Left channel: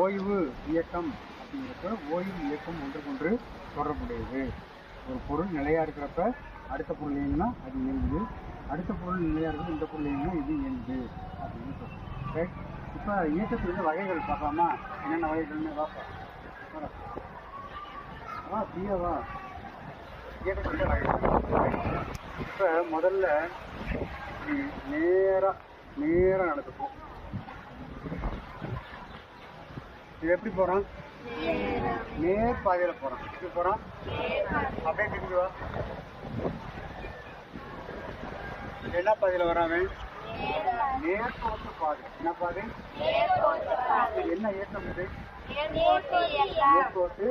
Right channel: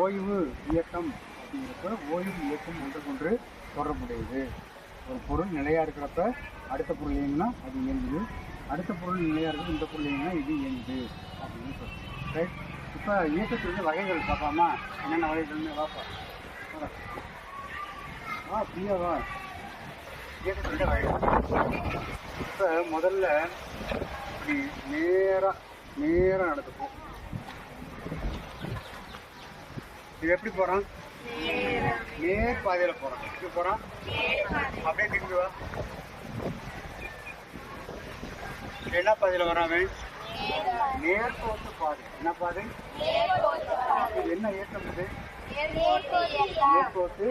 ஓய்வு இயக்கம் அப்படிங்கிறப்ப ஓய்வு இயக்கம் ஒன்றுக்கொன்று தொடர்புடையது. ஒரு பொருள் நிலையாக இருக்கிறப்ப அடுத்த பொருள் இயங்குனா அது இயங்குது, அடுத்த பொருள் நிலையாக இருக்குது இந்த பொருள் இயங்குனா இது இயங்குது அப்படின்னு சொல்கிறோம். ரைட். இப்போ இயக்கத்துலேருந்து வகைகள் பார்க்கலாமா? என்னென்ன வகைகள்னு வாப்பா ஃப்ரீயா வா. இயக்கத்துலேருந்து வகைகள் இப்போ முதல்ல இப்படி நேராக நடந்துப்போம். இது எப்படி போகிறோம்? நேர் பாதையில் போகிறோம். எப்படி போகிறோம்? அப்படியே திரும்பி வா. என்ன பாதையில் வராங்க? நேர்கோட்டு பாதை. என்ன பாதை? இது என்ன இயக்கம்? இது நேர்கோட்டு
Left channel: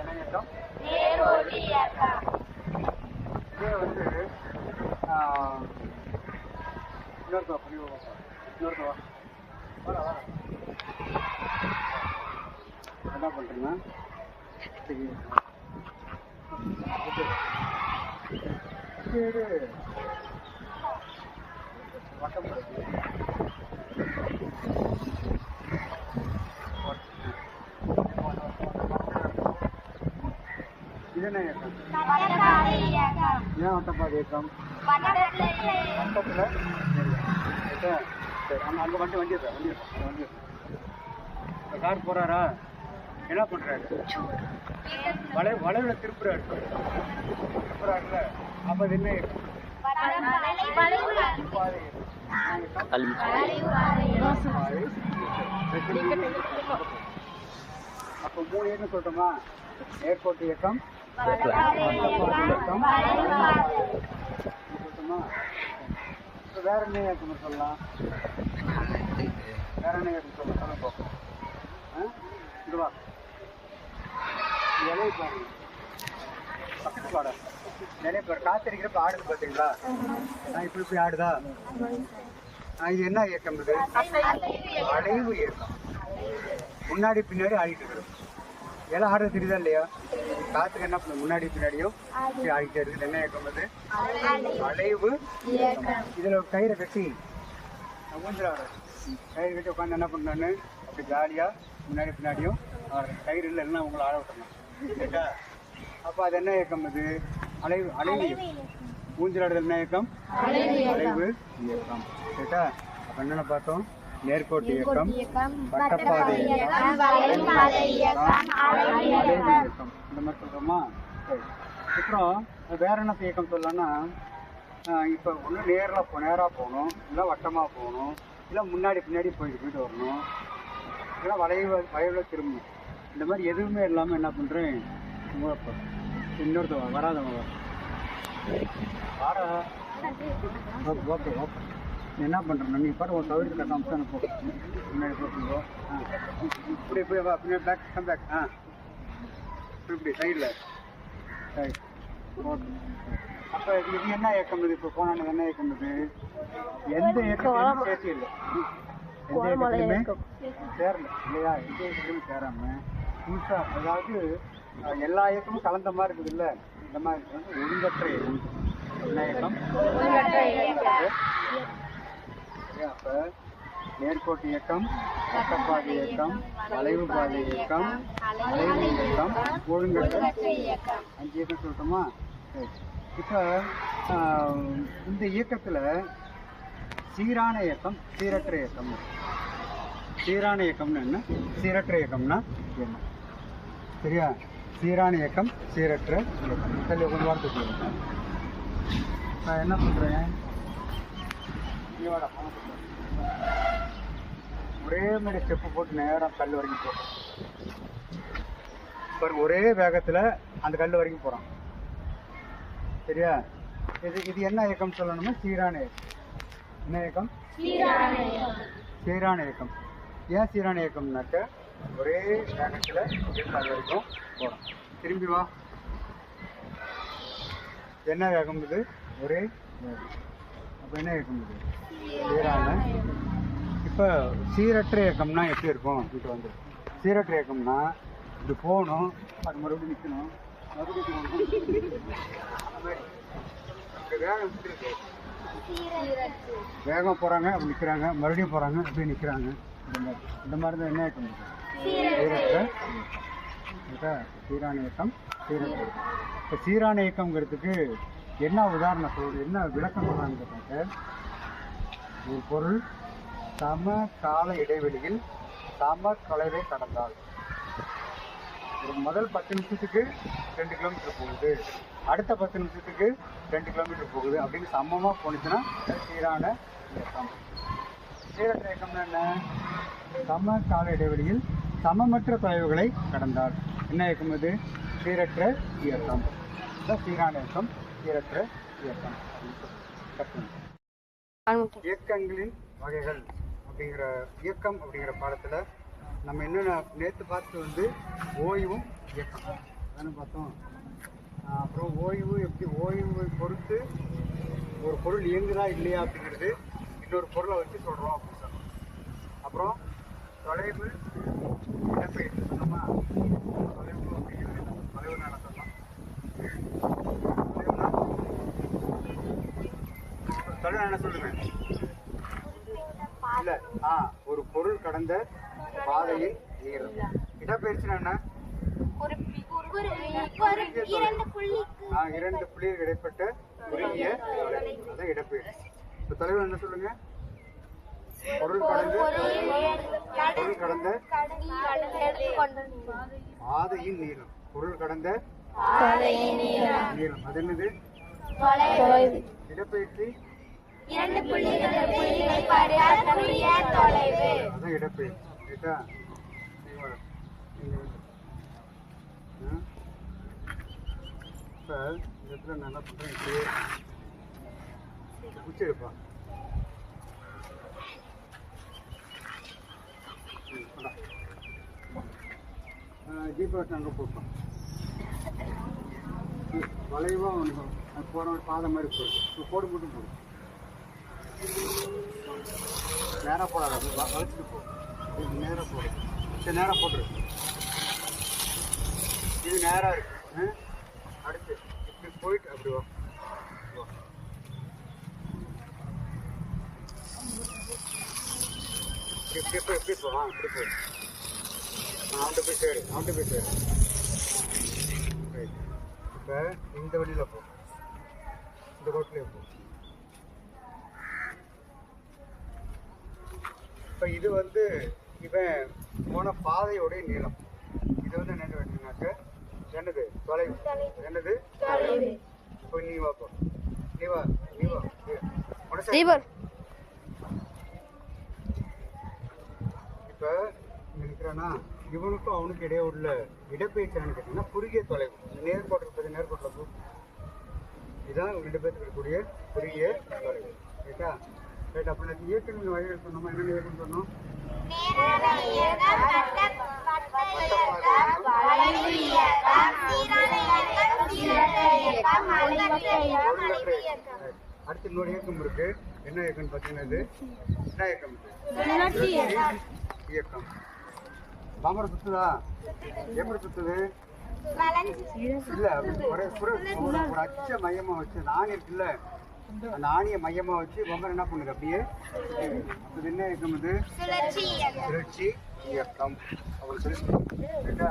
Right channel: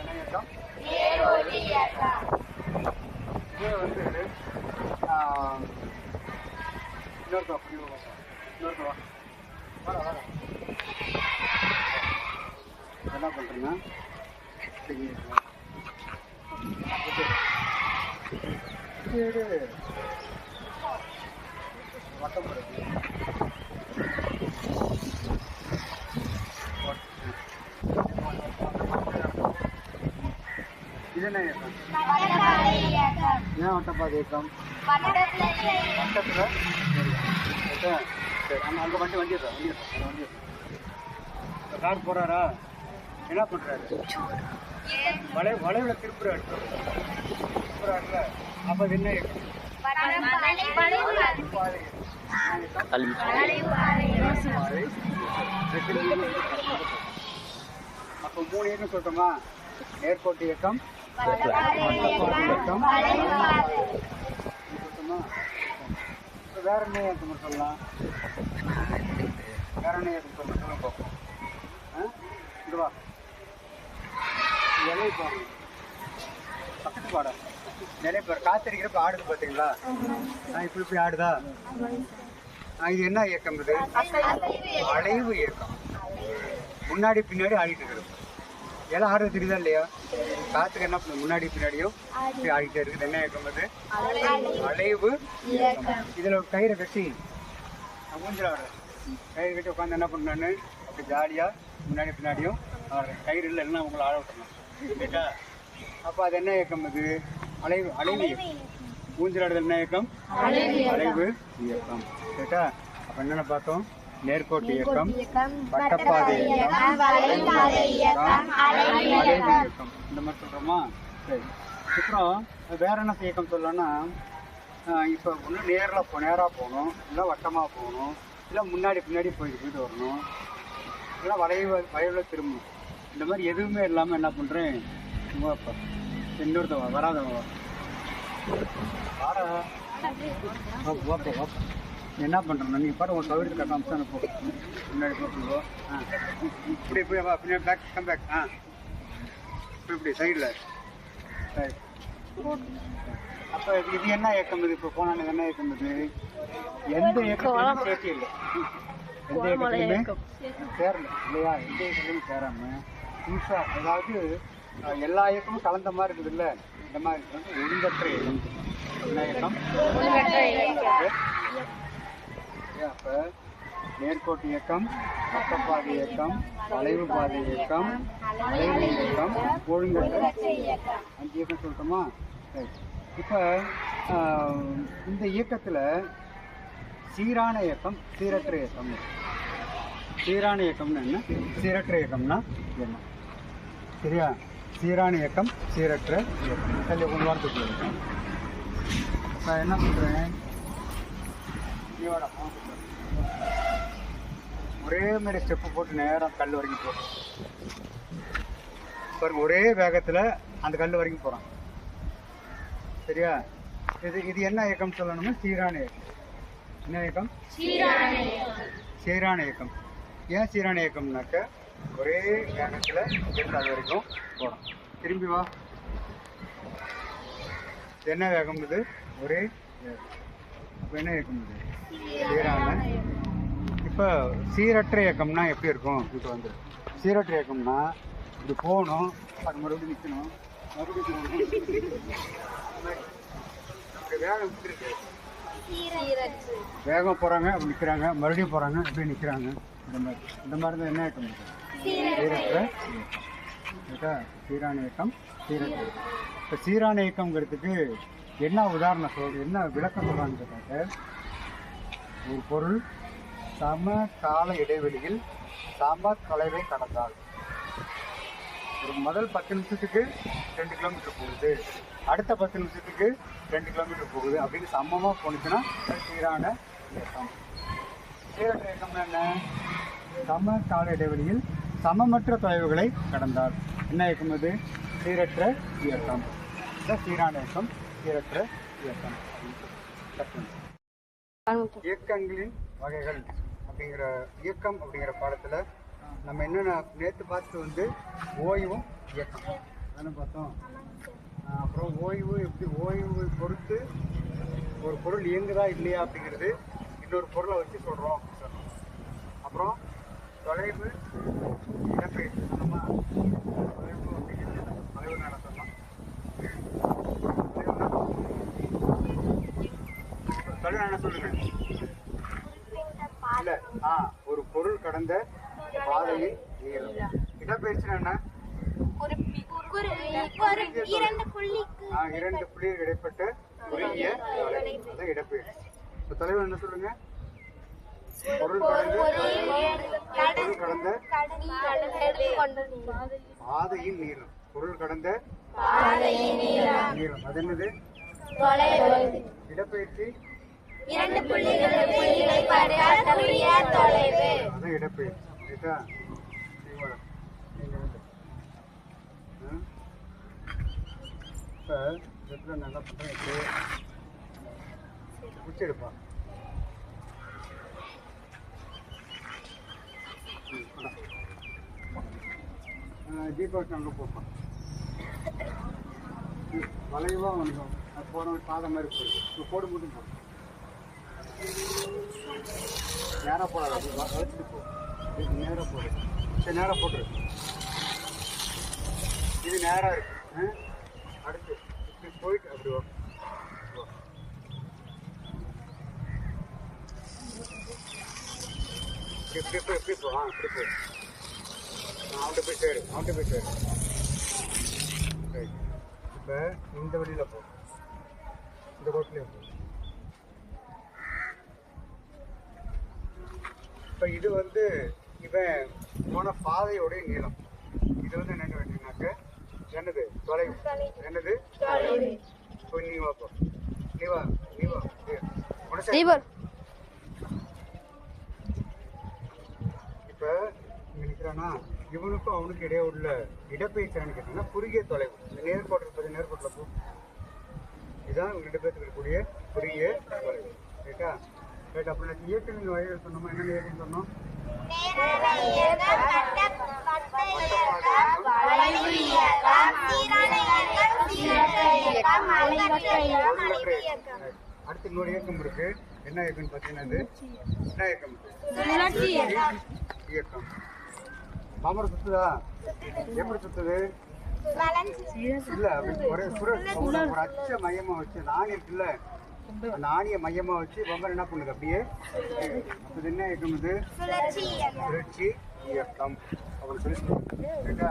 என்ன இயக்கம்? இது வந்து இன்னொருத்தவா பண்ணி இன்னொருத்தவா வர என்ன பண்ணுறீங்கன்னா வட்டம் இது என்ன இயக்கம்? ஏன் வட்டப்பாதை இயக்கம்? வட்டத்தில் சரி. அங்கே வண்டி அந்த வண்டி கார் போகிறாரா? என்ன பண்ணுறாரு? வளைவில் திருப்புறாரு. அப்போ அது என்ன இயக்கம்? அப்போ 3 இயக்கம் சொல்லட்டுமா? நேர்கோட்டு இயக்கம், வட்டப்பாதை இயக்கம், சொல்லட்டுமா? வேற என்ன இயக்கம் சொல்லலாம்? வேற என்ன இயக்கம் சொல்லலாம் பார்ப்போம். இங்கே வா. இலையை பாருங்க, பக்கத்து பாட நிறைய பேர் காத்திருக்கிறப்ப ஆடுது பார்த்தீங்களா? இப்படி ஆடுதா? இது என்ன இயக்கம்? இது அலைவு இயக்கம். முன்னாடி பின்னாடி ஆடிட்டு இருக்கிறது. எல்லாம் ஆடுறது தெரியுதா இல்லையா? காத்துக்கு என்ன பண்ணும்? முன்னாடி பின்னாடியும் ஆடிட்டே இருக்குது. என்ன இயக்கம்? அது அலைவு இயக்கம். இதில் ஒரு கயிறை கட்டி ஊஞ்சல் ஆடுறேன். கயிறு கட்டி உட்காந்து என்ன பண்ணான்னு அப்படி ஜாலியாக முன்னாடி பின்னாடியும் ஆடுறேன். கயிறு இல்லைன்னா உங்களை ஆட விட்டுறலாம் கேட்டா. அப்போ அது என்ன இயக்கம்? அது அலைவு இயக்கம். ஊஞ்சல் ஆடுதல் என்ன இயக்கம்? அலைவு இயக்கம் கேட்டா. அப்போ என்னென்ன பார்த்தோம்? நேர்கோட்டு இயக்கம், வட்டப்பாதை இயக்கம், அலைவு இயக்கம், இந்த மாதிரி சொல்கிறோமா? சரி. அப்புறம் வேற என்ன இயக்கம் சொல்லலாம்னா, இப்போ ஒன்று நேராக போகணும், இல்லை வட்டமாக போகணும், இல்லை முன்னாடி பின்னாடி போயிட்டு வரணும், இல்லை வளைவில் திரும்பணும். இந்த மாதிரி எதுவுமே இல்லாமல் என்ன பண்ணுறேன்? இன்னொருத்தவா வராதவா வாப்பா என்ன பண்ணுறேன்? நீங்கள் பாரு ஒரு சௌகரியத்தை கட்டாமல் தான் போ. முன்னாடி போட்டுருவோம். இப்படி போய் வா. பின்னாடி பேக் கம் பேக். இப்படி சைடில் சரி. அப்போ இது என்ன இயக்கம்? இது இப்போ போனாலும் என்ன இயக்கம்? இது எந்த இயக்கத்துலையும் சேர்த்து இல்லை. எந்த இயக்கத்துலையுமே சேரல இல்லையா? எந்த இயக்கத்துலையும் சேராமல் புதுசாக, அதாவது எல்லா இயக்கமும் கலந்த மாதிரி இருக்குது இல்லை? இந்த மாதிரி வந்து ஒழுங்கற்ற இயக்கம். என்ன இயக்கம்? அப்போ நேர்கோட்டு இயக்கம், வட்டப்பாதை இயக்கம், வளைவு பாதை இயக்கம், அலைவு இயக்கம், ஒழுங்கற்ற 5 இயக்கம் சொல்லட்டுமா? சரி. இப்போ இந்த இயக்கத்தில் சீரான இயக்கம், சீரற்ற இயக்கம். சீரான இயக்கம்னு என்ன? சீரற்ற இயக்கம்னா என்ன? சரியா? சீரான இயக்கம், சீரற்ற இயக்கம். தள்ளி கொஞ்சம் வாரத்துக்கு நான் என்ன பண்ணுறேன்? ஒரே மாதிரி ஸ்டெப்பு போட்டு நேரம் கல் வரைக்கும் போகிறோம். பாருங்க, ஒரே வேகத்தில் அந்த கல் வரைக்கும் போகிறோம். சரியா? இது என்ன இயக்கம் சொல்லணும்னா சீரான இயக்கம். என்ன இயக்கம்? சீரான இயக்கம். ஏன் சீரான இயக்கம்னாக்க ஒரே வேகத்தில் அது வரைக்கும் போகணும். திரும்பி வா. என்ன வேகம்? இது ஒரே வேகம். அப்போ என்ன இயக்கம்? இது சீரான. இப்போ சீரற்ற இயக்கம்னா எப்படி இருக்கும்? இது வந்து சீரற்ற இயக்கம்னா இது போகணும், அது மறுபடியும் நிற்கணும், மறுபடியும் போகணும். அந்த மாதிரி நம்முடைய வேகம் இருக்கு. வேகம் போகிறாங்க, அப்படி நிற்கிறாங்க, மறுபடியும் போகிறாங்க, அப்படி நிற்கிறாங்க. இந்த மாதிரி தான் என்ன இயக்கம் இருக்கு? சீரற்ற இயக்கம். சீரான இயக்கம், சீரற்ற இயக்கம். இப்போ சீரான இயக்கங்கிறதுக்கு என்ன உதாரணம் என்ன விளக்கம் சொல்கிறான்னு கேட்டாக்க, ஒரு பொருள் சம கால இடைவெளியில் சம தொலைவை கடந்தால், ஒரு முதல் 10 நிமிஷத்துக்கு 2 கிலோமீட்டர் போகுது, அடுத்த 10 நிமிஷத்துக்கு 2 கிலோமீட்டர் போகுது அப்படின்னு சமமாக போணுச்சுன்னா சீரான இயக்கம். சீரற்ற இயக்கம்னா என்ன? சம கால இடைவெளியில் சமமற்ற தொலைவுகளை கடந்தால் என்ன இயக்கம்? அது சீரற்ற இயக்கம். சீரான இயக்கம், சீரற்ற இயக்கம் அப்படின்னு இயக்கங்களின் வகைகள் அப்படிங்கிற இயக்கம் அப்படிங்கிற பாடத்தில் நம்ம என்னென்ன நேற்று பார்த்துட்டு ஓய்வும் இயக்கம் தானே பார்த்தோம். அப்புறம் ஓய்வு எப்படி ஓய்வை பொறுத்து ஒரு பொருள் இயங்குதா இல்லையா அப்படிங்கிறது இன்னொரு பொருளை வச்சு சொல்கிறோம் அப்படின்னு சொன்னோம். அப்புறம் தொலைவு இடப்பெயர்ச்சி சொன்னோமா? தொலைவு அப்படிங்கிறது தொலைவுன்னு என்ன சொன்னோம்? தொலைவு என்ன சொல்லுங்க? இல்லை, ஒரு பொருள் கடந்த பாதையின் நீளம். இடப்பெயர்ச்சினா என்ன? 2 புள்ளிகள் இடைப்பட்ட குறுகிய தொலைவு, அதான் இடப்பெயர்ச்சி. இப்போ தொலைவு என்ன சொல்லுங்க? பொருள் கடந்த பாதையின் நீளம். பொருள் கடந்த நீளம் அது என்னது? இடப்பெயர்ச்சி அதான் இடப்பெயர்ச்சி. ரைட்டா? இப்போ இந்த இடத்துல நான் என்ன பண்ணுறேன், குச்சி எடுப்பா. தீபாவளி அங்கே போப்பான் வளைவாக அவனுக்கு போகிற ஒரு பாதை மாதிரி போயிடுது. இப்போ போடு மட்டும் போடும், நேராக போடாது, அப்படி வளைச்சிட்டு போ. இது நேராக போடு. சரி, நேராக போட்டுரு. இது நேராக இருக்கு. அடுத்து இப்படி போயிட்டு அப்படி வா. இப்படி போய் இப்படி போ. இப்படி போய் அவன்கிட்ட போய் சேரு. ரைட். இப்போ இந்த வழியில் போ, இந்த ரோட்லேயே போ. இப்போ இது இவன் போன பாதையோடைய நீளம். இது என்னென்னு வச்சுனாக்க என்னது? தொலைவு. என்னது? இப்போ நீ வா, போ. நீ வா. இப்போ நினைக்கிறானா இவனுக்கும் அவனுக்கு இடையே உள்ள இடப்பெயர்ச்சி கேட்டீங்கன்னா குறுகிய தொலைவு. நேர்கோட்டில் நேர்கோட்டில் போ. இதுதான் 2 பேருக்கு இருக்கக்கூடிய குறுகிய தொலைவு. ரைட்டா? ரைட். அப்போ நான் இயக்கங்களின் வகைகள் சொன்னோமா? என்னென்ன இயக்கம் சொன்னோம்? ஒழுங்கற்ற இயக்கம். அடுத்து இன்னொரு இயக்கம் இருக்கு. என்ன இயக்கம்னு பார்த்தீங்கன்னா அது என்ன இயக்கம்? இயக்கம். பாம்பரை சுத்துதா? எப்படி சுத்துது? இல்ல, ஒரு அச்ச மையமா வச்சு நாணி இருக்குல்ல, அந்த ஆணியை மையமா வச்சு பம்பர் என்ன பண்ணுது? அப்படியே. அப்போ இது என்ன இயக்கம்? இது சுழற்சி இயக்கம் அப்படின்னு சொல்லி சொல்லுவாங்க. ரைட்டா?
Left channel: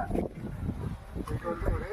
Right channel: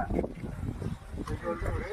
இது ஒரு